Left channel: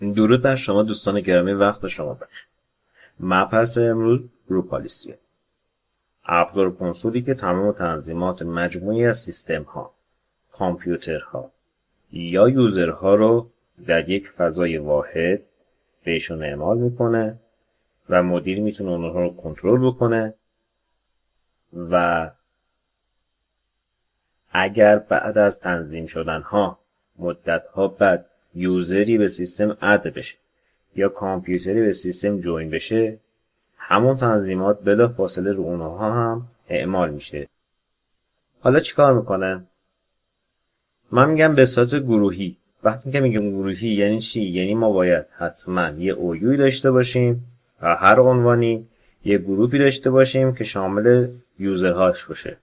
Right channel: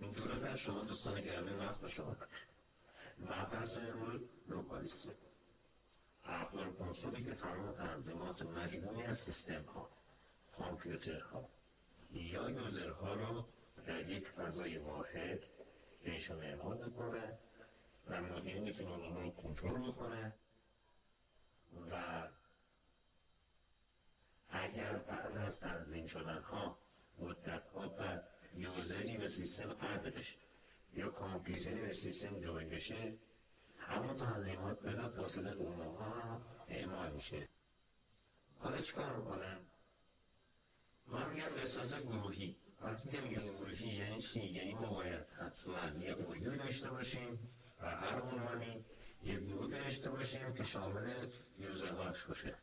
درود بر شما دوستان گرامی، وقت شما بخیر. مبحث امروز گروپ پالیسیه، ابزار کنسولی که تمام تنظیمات مجموعی از سیستم ها، کامپیوترها یا یوزرها رو در یک فضای واحد بهشون اعمال میکنه و مدیر میتونه اونها رو کنترل بکنه و اگر بعد از تنظیم شدن ها مدت ها بعد یوزری به سیستم اد بشه یا کامپیوتری به سیستم جوین بشه، همون تنظیمات بلا فاصله رو اونها هم اعمال میشه. حالا چیکار میکنه؟ من میگم به صورت گروهی. وقتی که میگم گروهی یعنی چی؟ یعنی ما باید حتما یه اویوی داشته باشیم و هر عنوانی یه گروهی داشته باشیم که شامل یوزرهاش باشه.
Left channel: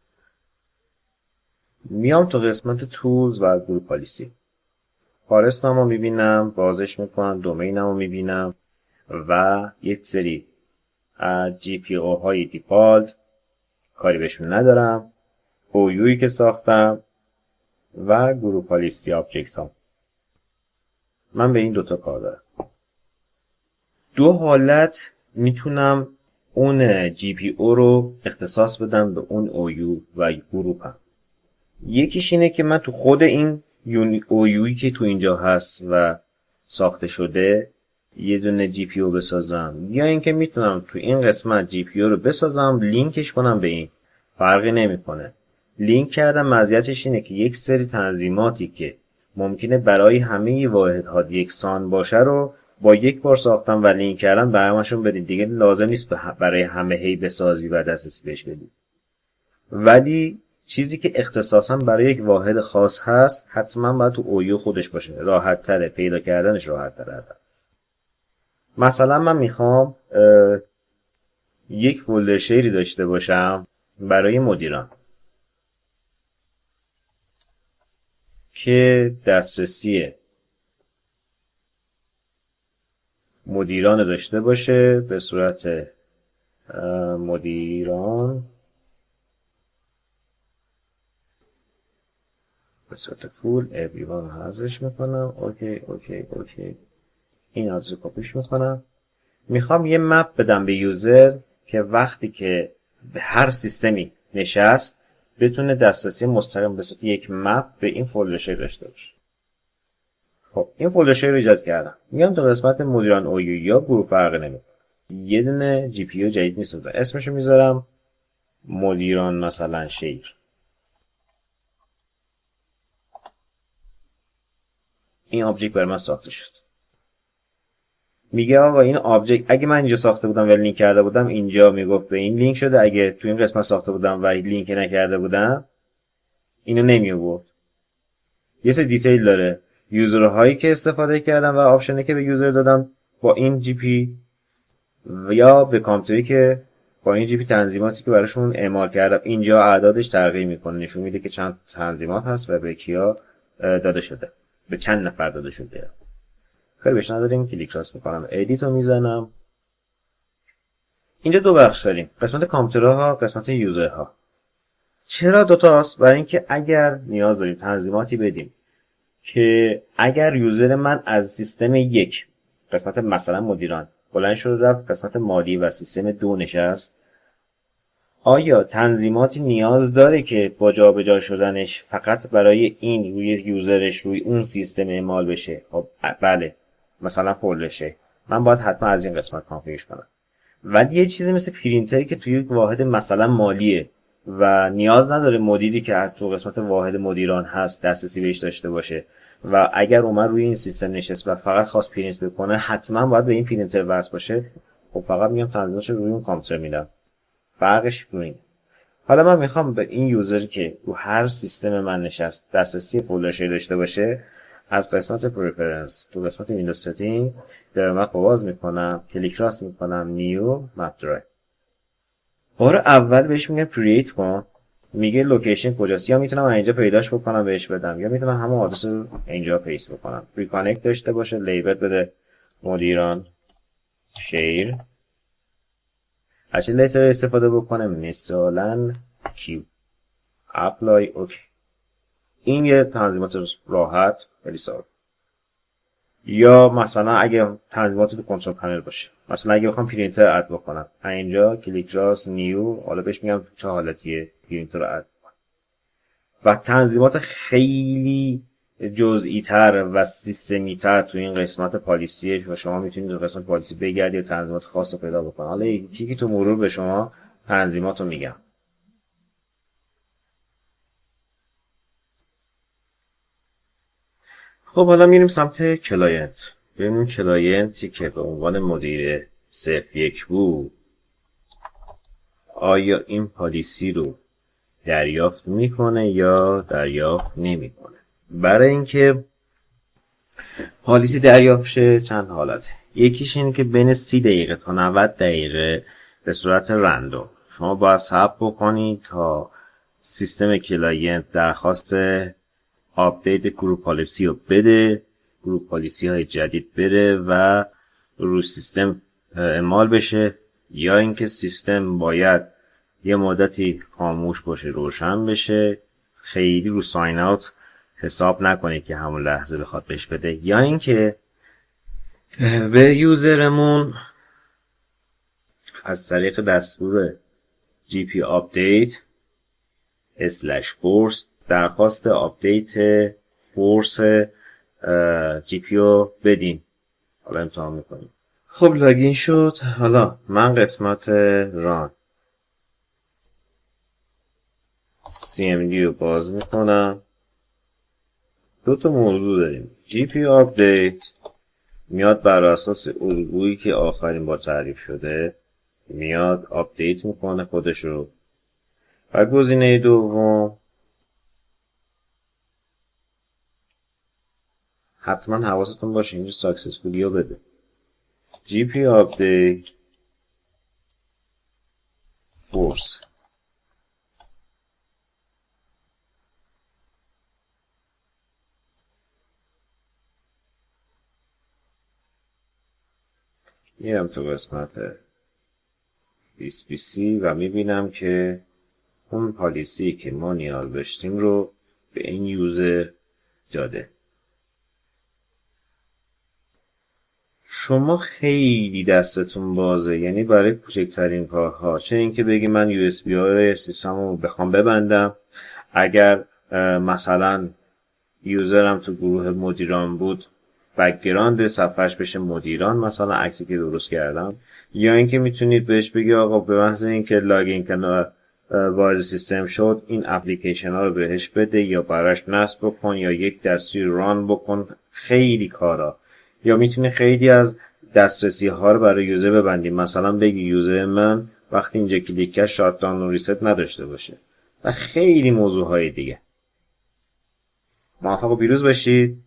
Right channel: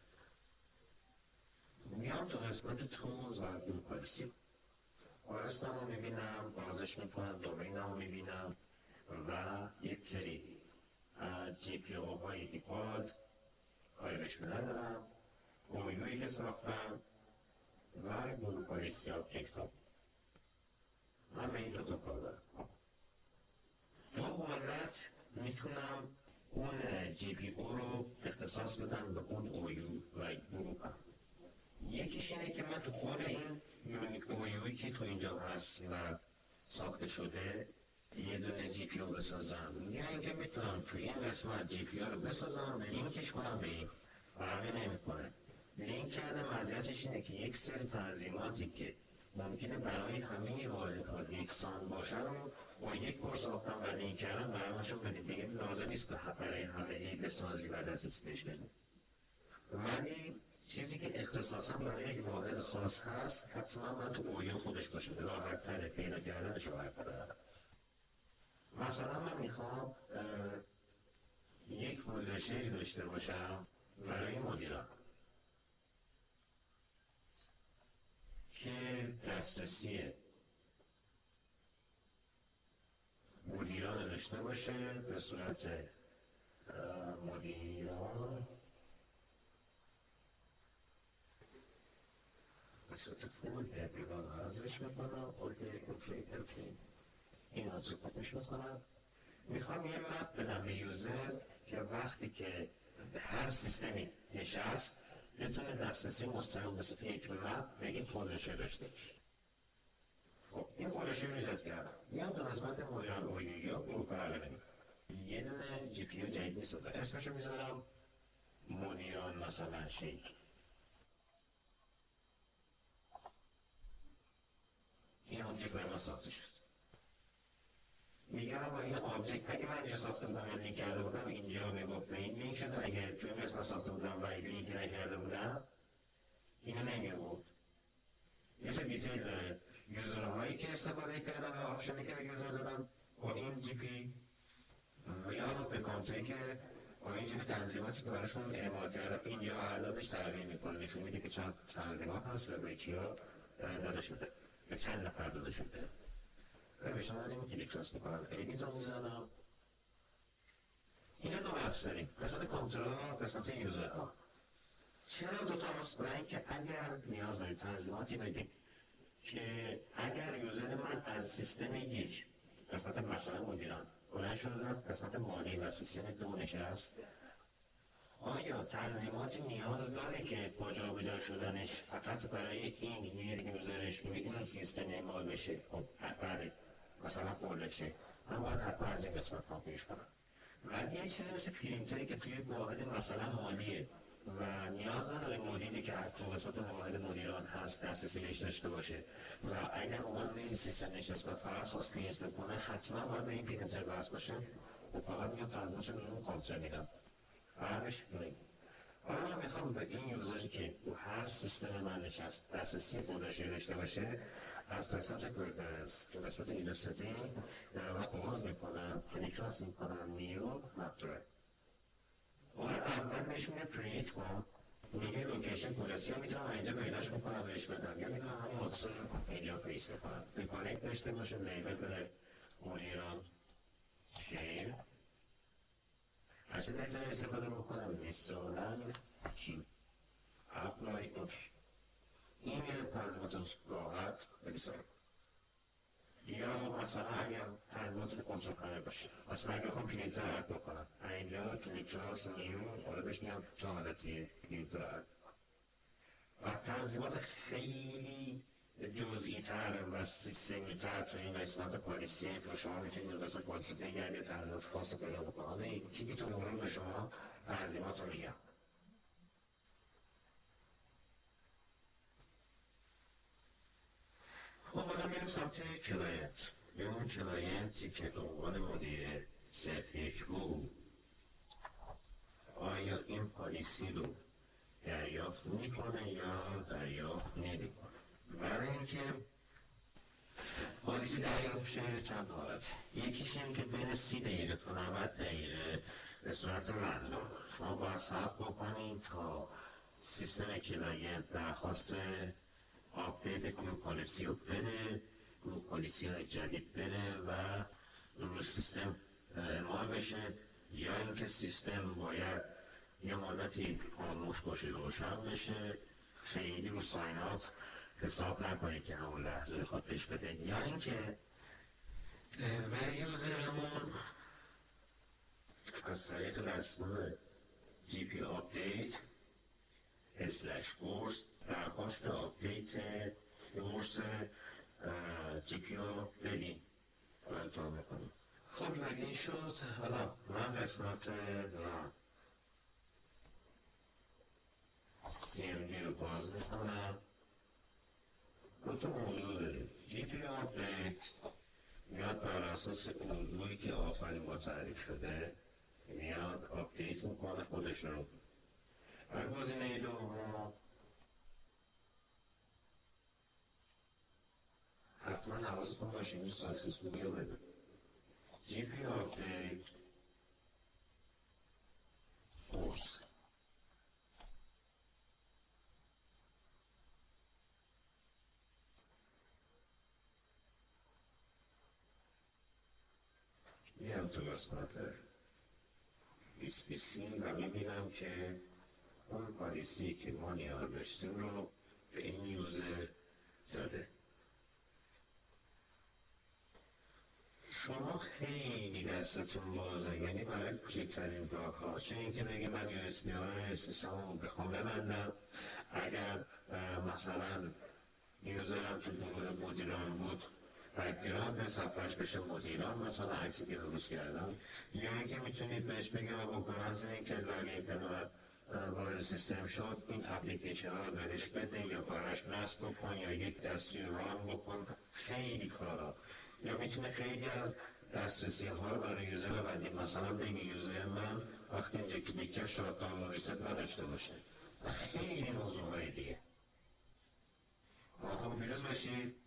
میام تو قسمت تولز و گروپ پالیسی، فارستمو میبینم، بازش میکنم، دومینمو میبینم و یک سری جی پی او های دیفالت کاری بهشون ندارم، اویویی که ساختم و گروپ پالیسی آبجکت ها. من به این دوتا کار دارم. دو حالت میتونم اون جی پی او رو اختصاص بدم به اون اویو و گروپم. یکیش اینه که من تو خود این اویویی که تو اینجا هست و ساخته شده یه دونه جی پی او بسازم، یا اینکه میتونم تو این قسمت جی پی او رو بسازم لینکش کنم به این. فرقی نمیکنه. لینک کردم مزیتش اینه که یک سری تنظیماتی که ممکنه برای همه واحدها یکسان باشه رو با یک بار ساختم و لینک کردم به همشون بدید. دیگه لازم نیست برای همه هی بسازی و دسترسی بهش بدی. ولی چیزی که اختصاصا برای یک واحد خاص هست حتما باید تو اویو خودش باشه، راحت تره پیدا کردنش، راحت تره. مثلا من میخوام یک فولدر شیری داشته باشم برای مدیران که دسترسی مدیران داشته باشه به صورت مدیران به صورت فول everyone حذفش میکنم. اوکی این آدرس کپیش میکنم. میخوام یه مپ بدم به یوزر که وقتی که به هر سیستمی نشست بتونه دسترسی مستقیم به صورت یک مپ به این فولدر شیر داشته باشه. خب این فولدر شیر رو ایجاد کردم. میام تو قسمت مدیران اویو یا گروه، فرق نمیکنه، یه دونه جی پی یو جدید میسازم، اسمشو میذارم مدیران مثلا شیر. این آبجکت برای من ساخته شد. میگه آقا این آبجکت اگه من اینجا ساخته بودم و لینک کرده بودم اینجا میگفت به این لینک شده، اگه تو این قسمت ساخته بودم و لینک نکرده بودم اینو نمی آورد. یه سری دیتیل داره، یوزرهایی که استفاده کردم و آپشنی که به یوزر دادم با این جی پی یا به کامپیوتری که با این جی پی تنظیماتی که براشون اعمال کردم. اینجا اعدادش تغییر میکنه، نشون میده که چند تنظیمات هست و به کیا داده شده، به چند نفر داده شده. خیلی بهش نداریم. کلیک راست میکنم، ادیت رو میزنم. اینجا دو بخش داریم، قسمت کامپیوترها، قسمت یوزرها. چرا دوتاست؟ برای اینکه اگر نیاز داریم تنظیماتی بدیم که اگر یوزر من از سیستم یک، قسمت مثلا مدیران، بلند شد رفت قسمت مالی و سیستم دو نشست، آیا تنظیماتی نیاز داره که با جابجا شدنش فقط برای این روی یوزرش روی اون سیستم اعمال بشه؟ خب بله، مثلا فولدرشه من باید حتما از این قسمت کانفیگرش کنم. ولی یه چیزی مثل پرینتری که توی یک واحد مثلا مالیه و نیاز نداره مدیری که از تو قسمت واحد مدیران هست دسترسی بهش داشته باشه و اگر اومد روی این سیستم نشست و فقط خواست پرینت بکنه حتما باید به این پرینتر وصل باشه. خب فقط میام تنظیمش روی اون کامپیوتر میدم. فرقش روی این. حالا من میخوام به این یوزر که رو هر سیستم من نشست دسترسی فولدر شیر داشته باشه، از قسمت پرفرنس تو قسمت ویندوز ستینگ در مپ باز میکنم، کلیک راست میکنم، نیو مپ درایو. بار اول بهش میگم کرییت کن، میگه لوکیشن کجاست، یا میتونم اینجا پیداش بکنم بهش بدم، یا میتونم همون آدرس رو اینجا پیست بکنم. ریکانکت داشته باشه، لیبل بده مدیران شیر، هرچی لیتر استفاده بکنم مثلا کیو اپلای. اوکی. این یه تنظیمات راحت ولی ساده. یا مثلا اگه تنظیمات تو کنترل پنل باشه، مثلا اگه بخوام پرینتر اد بکنم اینجا کلیک راست نیو، حالا بهش میگم چه حالتیه پرینتر رو اد و تنظیمات خیلی جزئی تر و سیستمی تر تو این قسمت پالیسیه و شما میتونید تو قسمت پالیسی بگردید و تنظیمات خاص رو پیدا بکنید. حالا یکی تو مرور به شما تنظیمات رو میگم. خب حالا میریم سمت کلاینت. ببینیم کلاینتی که به عنوان مدیر صرف یک بود آیا این پالیسی رو دریافت میکنه یا دریافت نمیکنه. برای اینکه پالیسی دریافت شه چند حالته. یکیش اینه که بین 30 دقیقه تا 90 دقیقه به صورت رندوم شما باید صبر بکنید تا سیستم کلاینت درخواست آپدیت گروپ پالیسی رو بده، گروپ پالیسی های جدید بده و رو سیستم اعمال بشه، یا اینکه سیستم باید یه مدتی خاموش باشه روشن بشه، خیلی رو ساین اوت حساب نکنید که همون لحظه بخواد بهش بده، یا اینکه به یوزرمون از طریق دستور GP update /force درخواست آپدیت فورس جی پی رو بدیم. حالا امتحان میکنیم. خب لاگین شد. حالا من قسمت ران CMD رو باز میکنم. دو تا موضوع داریم. GP update میاد بر اساس الگویی که آخرین با تعریف شده میاد آپدیت میکنه خودش رو، و گزینه دوم حتما حواستون باشه اینجا ساکسسفولی رو بده. GP update force میرم تو قسمت BC و میبینم که اون پالیسی که ما نیاز داشتیم رو به این یوزر داده. شما خیلی دستتون بازه، یعنی برای کوچکترین کارها، چه اینکه بگی من USB های سیستم رو بخوام ببندم، اگر مثلا یوزرم تو گروه مدیران بود بک‌گراند صفحش بشه مدیران، مثلا عکسی که درست کردم، یا اینکه میتونید بهش بگی آقا به محض اینکه لاگین کنه وارد سیستم شد این اپلیکیشن ها رو بهش بده یا براش نصب بکن یا یک دستور ران بکن. خیلی کارا. یا میتونی خیلی از دسترسی ها رو برای یوزر ببندیم، مثلا بگی یوزر من وقتی اینجا کلیک کرد شات داون و ریست نداشته باشه و خیلی موضوع های دیگه. موفق و پیروز باشید.